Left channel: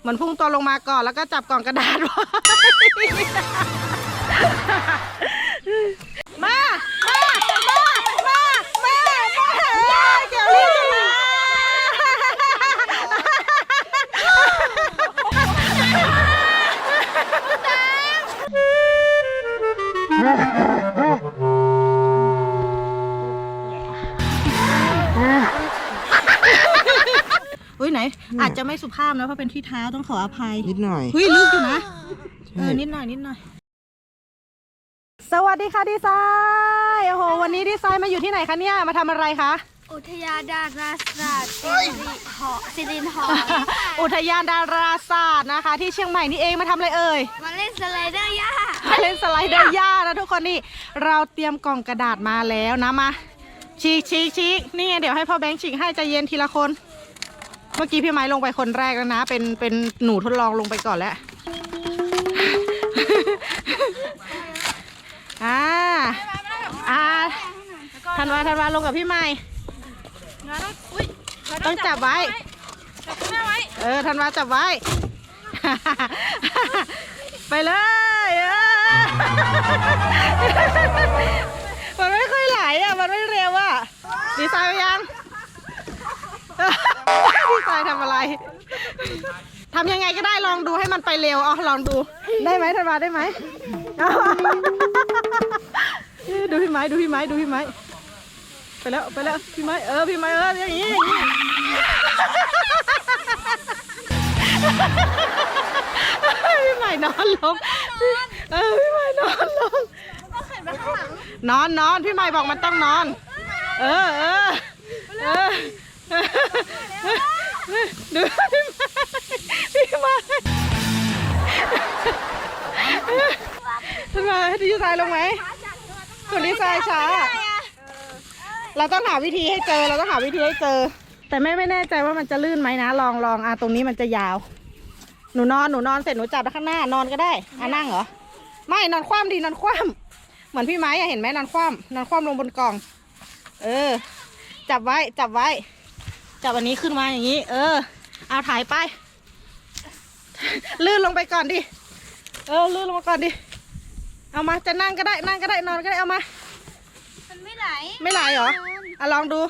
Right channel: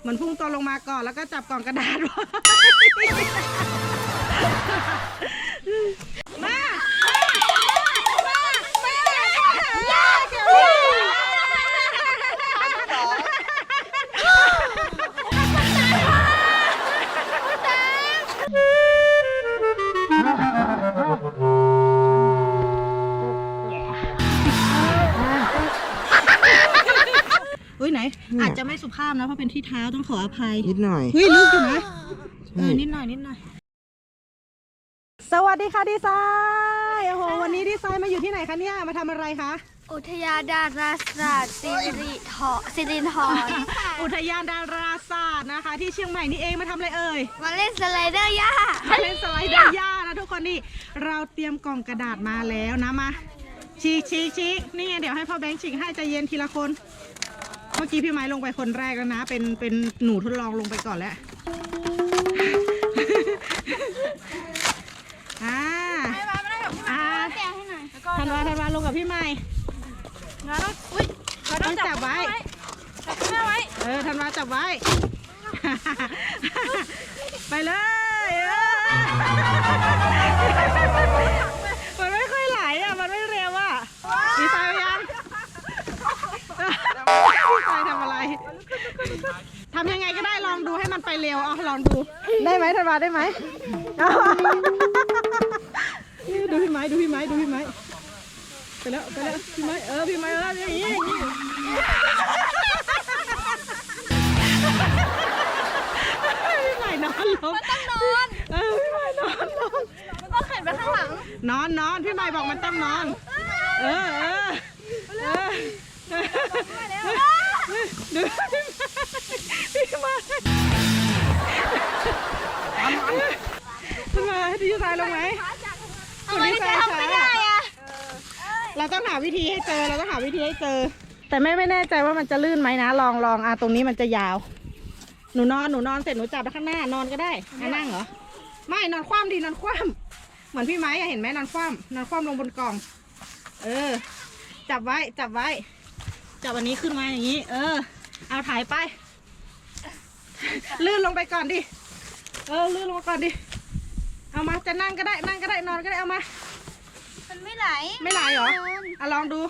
เหมือนพุ่งตัวลงมาก่อนแล้วก็จับกล่องกระดาษไว้มา อุ้ยไหนอาจจะไม่สุภาพนะเพราะเป็นที่เท้าต้องขออภัยนิดหน่อยเฮ้ยลึกอยู่นะเอใช่อนิดหน่อยนิดหน่อย สวัสดีค่ะดีไซน์โอ้โหวันนี้ดีไซน์มาอยู่ที่ไหนคะเนี่ยมาทำอะไรคะอุทยานดาราศาสตร์สิริหอสิรินหออุทยานดาราศาสตร์นะคะ ที่เชียงใหม่นี่เองมาทำอะไรเอ่ยมาเล่นสไลเดอร์ย่ามาเล่นสไลเดอร์ย่านะทุกคนนี่เราเตรียมกล่องกระดาษมาแล้วนะมาชีกชีกชีกนี่ไงเดี๋ยวให้พ่อแบงค์ฉีกให้ใจเย็นทีละคนเมื่อกี้พี่ไม้ลงไปคนแรกแล้วนะ เป็นเป็นหนูทดลองลงไปก่อนแล้วอ่าอ่าธันวาธันวาลงกับพี่ใหม่งั้นต้องอุ้ยต้องจับไว้จับแม่ไว้ เออธันวาจับไว้ ไปเลยมันไม่ค่อยไหลอะ มันไม่เร็วอะดีไซน์ยัง ดีไซน์ทำอะไรทำยังไงก็ได้ลองดูให้มันไปเร็วเอาลองดู ได้ไหมธันวาได้ไหมเอาดูพี่ไม้ดูพี่ไม้ดูพี่ไม้ไปแล้วไปแล้วพี่ไม้เออพี่ไม้เอออย่างนี้อย่างนี้พี่ไม้นอนลงเออพี่ไม้นอนลงก็เข็นไปข้างหลังนอนนอนพี่ไม้บอกมันต้องนอน เออเออเออ ดูพี่ไม้พี่ไม้ดีใจลงไหมคนดีใจสาเราต้องหาวิธีให้เจอ เราต้องหาวิธีให้เจอ แต่แม่ไม่แน่ใจว่ามันจะลื่นไหมนะ ลองลองอะตรงนี้มันจะยาว หนูนอน หนูนอนเสร็จหนูจับไปข้างหน้านอนก็ได้เอานั่งเหรอ ไม่นอนคว่ำดีนอนคว่ำเหมือนพี่ไม้อะเห็นไหมนอนคว่ำนอนคว่ำลงบนกล่อง เออ จับไว้ จับไว้ จับอันนี้ขึ้นมาอย่างนี้ เออเอาถ่ายไป ลื่นลงไปก่อนดิ เออ ลื่นลงมาก่อนดิ เอามาจะนั่งก็ได้ นั่งก็ได้ นอนก็ได้ เอามา มันไม่ไหลไม่ไหลเหรออะลองดู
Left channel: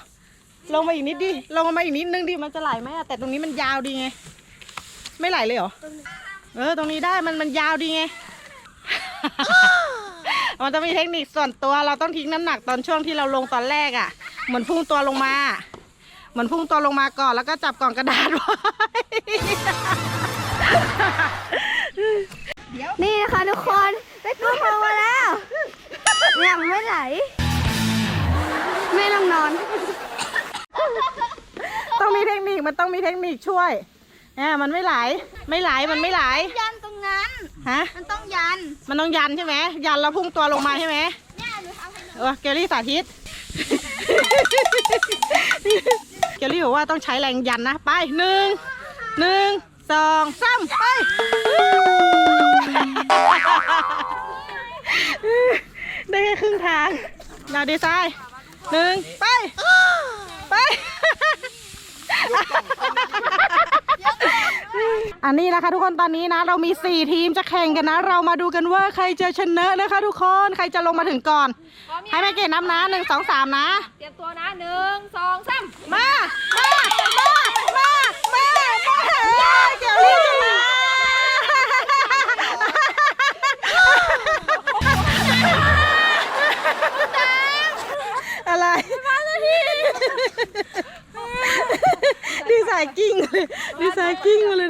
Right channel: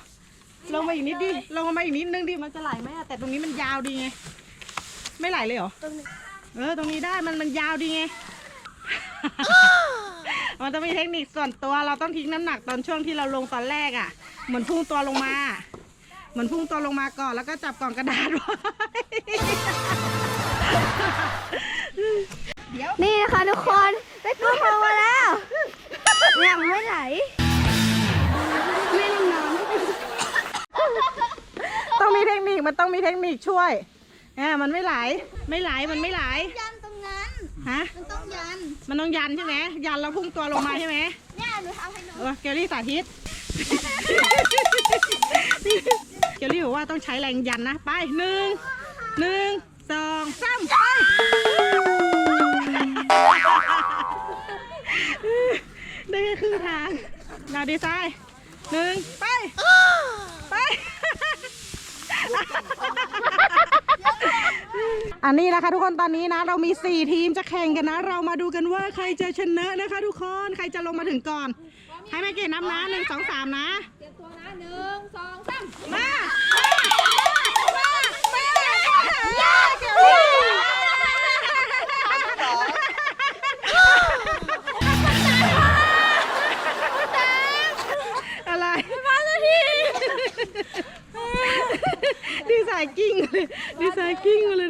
ลงมาอีกนิดดิ ลงมาอีกนิดนึงดิ มันจะไหลไหมอะแต่ตรงนี้มันยาวดีไง ไม่ไหลเลยเหรอ เออ ตรงนี้ได้ มันมันยาวดีไงมันจะมีเทคนิคส่วนตัวเราต้องทิ้งน้ำหนักตอนช่วงที่เราลงตอนแรกอะ่ะ เหมือนพุ่งตัวลงมา เหมือนพุ่งตัวลงมาก่อนแล้วก็จับกล่องกระดาษไว้นี่นะคะทุกคนได้ตัวทองมาแล้วยังไม่ไหลไม่ต้องนอน ต้องมีเทคนิคมันต้องมีเทคนิคช่วยอ่ามันไม่ไหล ไม่ไหลมันไม่ไหล ยันตรงนั้น ฮะ มันต้องยัน มันต้องยันใช่ไหมยันแล้วพุ่งตัวลงมาใช่ไหมเนี่ยหนูทำให้หนูเออเกลลี่สาธิต เกลลี่บอกว่าต้องใช้แรงยันนะ ไปหนึ่งหนึ่งสองสามไปได้แค่ครึ่งทางเราดีไซน์หนึ่งไป อันนี้นะคะทุกคนตอนนี้นะเรามี 4 ทีมจะแข่งกันนะ เรามาดูกันว่าใครจะชนะนะคะ ทุกคนใครจะลงมาถึงก่อน ให้แม่เกดนับนะหนึ่งสองสามนะ เตรียมตัวนะหนึ่งสองสามมาอะไรมาแล้วทีดีไซน์กิ้งเลยดีไซน์กิ้งมาเลยนะคะทุกคน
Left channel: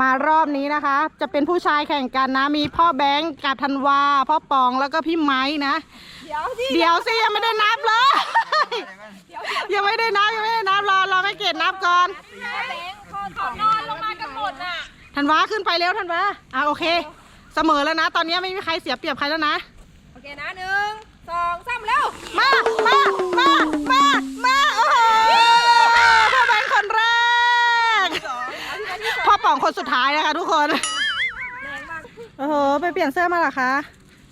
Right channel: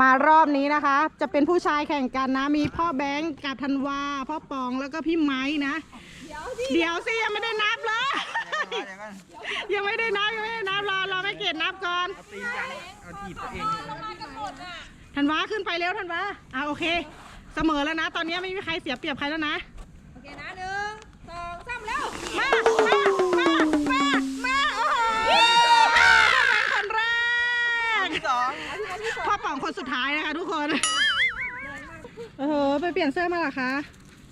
มารอบนี้นะคะ จะเป็นผู้ชายแข่งกันนะ มีพ่อแบงค์กับธันวา พ่อปองแล้วก็พี่ไม้นะ เดี๋ยวสิยังไม่ได้นับเลยยังไม่ได้นับยังไม่ได้นับรอรอไม่เกตนับก่อนธันวาขึ้นไปเร็วธันวาอะโอเค เสมอแล้วนะ ตอนนี้ไม่มีใครเสียเปรียบใครแล้วนะ โอเคนะหนึ่งสองสามแล้ว มามามามา มาโอ้โหพ่อแบงค์คนแรกพ่ อป๋องคนสุดท้ายนะคะทุกคนโอ้โหไปเปลี่ยนเสื้อมาเหรอคะ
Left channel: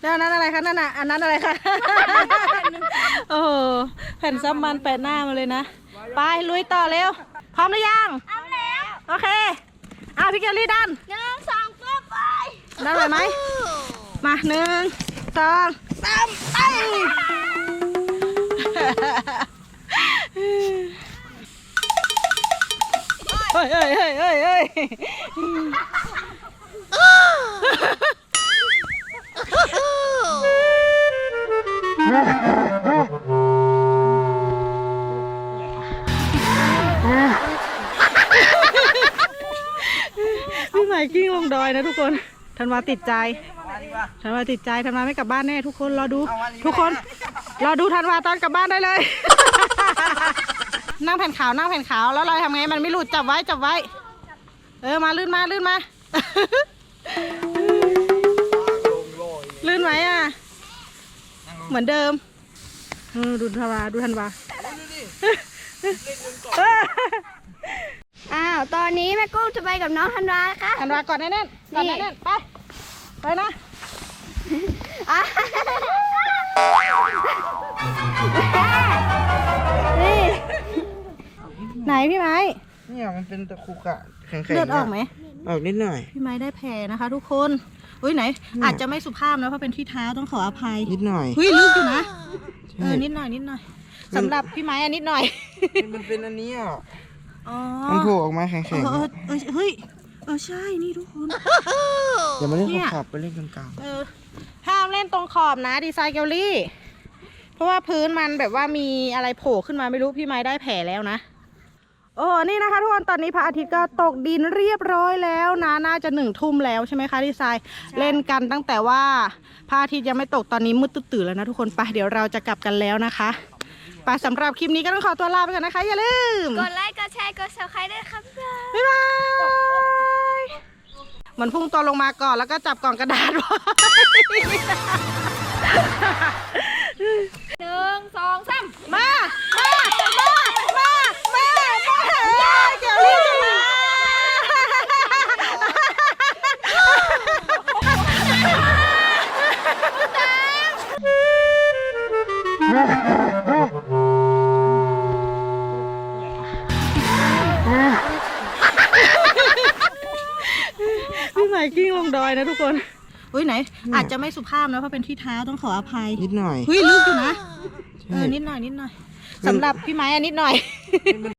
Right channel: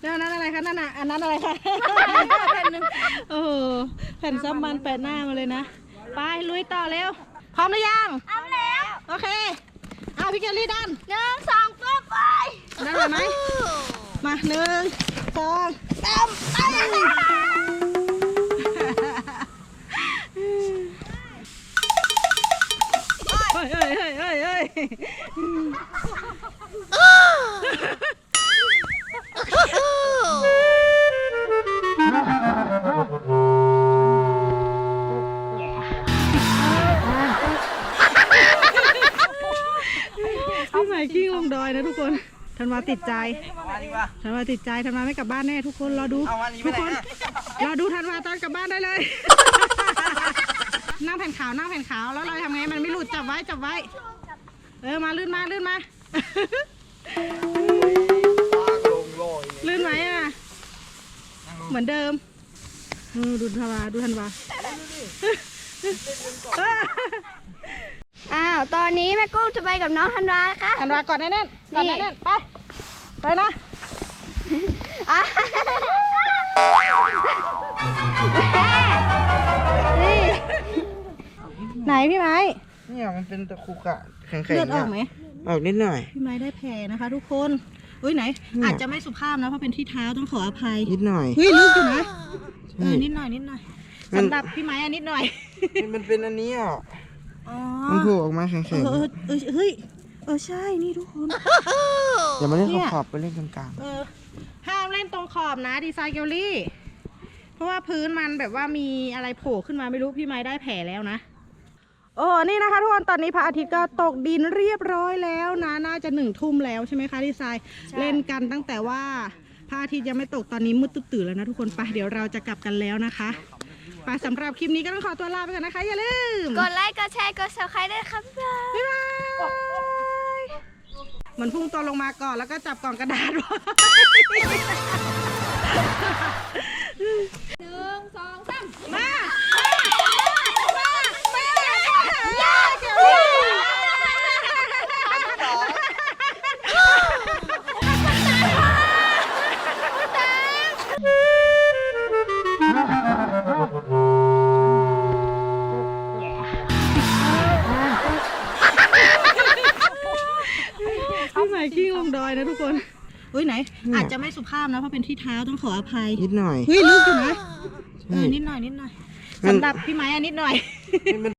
แล้วอันนั้นอะไรคะนั่นน่ะอันนั้นอะไรคะโอ้โหแผ่นซับมันแปะหน้ามาเลยนะไปลุยต่อเร็ว พร้อมหรือยังเอาแล้วโอเคพี่เกลลี่ดันหนึ่งสองปุ๊บไปได้ไหมมาหนึ่งสองสามไป เฮ้ยเฮ้ยเฮ้ยเฮ้ยเฮ้ยพี่ใส่ขี้ลงดอยนะทุกคนธันวาติดใจมาดีกว่าธันวาติดใจธันวาไม่กลับบ้านแน่ทุกคนรอดูเอาวันนี้ทุกคนไปไหนอะรอดูธันวาตอนกลับบ้านได้เลย นั่งแผ่นขาวนั่งแผ่นขาวแล้วเราทำไงมันไม่หลุดจับไว้จับไว้ เออมาลื่นมาลื่นมาลงโลยลื่นไหมอะ เหมือนเดิมเออดูธันวาดูธันวาอ้าว ตอนนี้แม่กุ้งจะไปกับน้องธันวานะคะธันวากอดแน่นๆกอดแน่นๆไปไปนะอะ ไหนพี่ไม้เนี่ยมันเป็นตะคุกอะแข็งๆเลือดออกไหมออกนิดหน่อยพี่ไม้ได้แผลนะคะ ทุกคนอุ้ยไหน อาจจะไม่สุภาพนะเพราะเป็นที่เท้าต้องขออภัยนิดหน่อยอุ้ยลึกอยู่นะเอใช่อนิดหน่อยนิดหน่อยมันสำหรับพี่ไม้อันนิดหน่อย มันเป็นอันนี้อะอ๋อมันโผล่ออกมาแข็งเออเออเออเฮ้ยเออใช่นี่ทุกคนๆเดี๋ยวมาเล่นเนี่ยขอบๆไปเล่นกลางเออห้ามเล่นตรงขอบนะดีไซน์เกลลี่ เพราะว่าพื้นมันแบบว่ามีอะไรโผล่ขึ้นมาไม่รู้พี่ไม้ได้แผลแล้วนะ โอ้นี่นะคะทุกคนตอนนี้พระอาทิตย์ก็ตกดินเรียบร้อยแล้วนะน่าจะหนึ่งทุ่มแล้วใช่ไหมคะดีไซน์เล่นกันตั้งแต่ว่าพระอาทิตย์ยังไม่ตกตอนนี้มืดตื่นๆแล้วนะทุกคนไปเดี๋ยวเราจะกลับกันแล้วนะคะไปสำหรับคลิปนี้ก็ต้องขอตัวลาไปก่อนนะคะอย่าลืมกดไลค์กดแชร์กด subscribe ด้วยครับบ๊ายบายบ๊ายบายเหมือนพุ่งตัวลงมาก่อนแล้วก็จับกล่องกระดาษไว้หนึ่งสองสามมา พี่ใส่ขี้ลงดอยนะทุกคน อุ้ยไหน อาจจะไม่สุภาพนะเพราะเป็นที่เท้าต้องขออภัยนิดหน่อย อุ้ยลึกอยู่นะเอใช่อนิดหน่อยนิดหน่อยมันสำหรับพี่ไม้อันนิดหน่อยมัน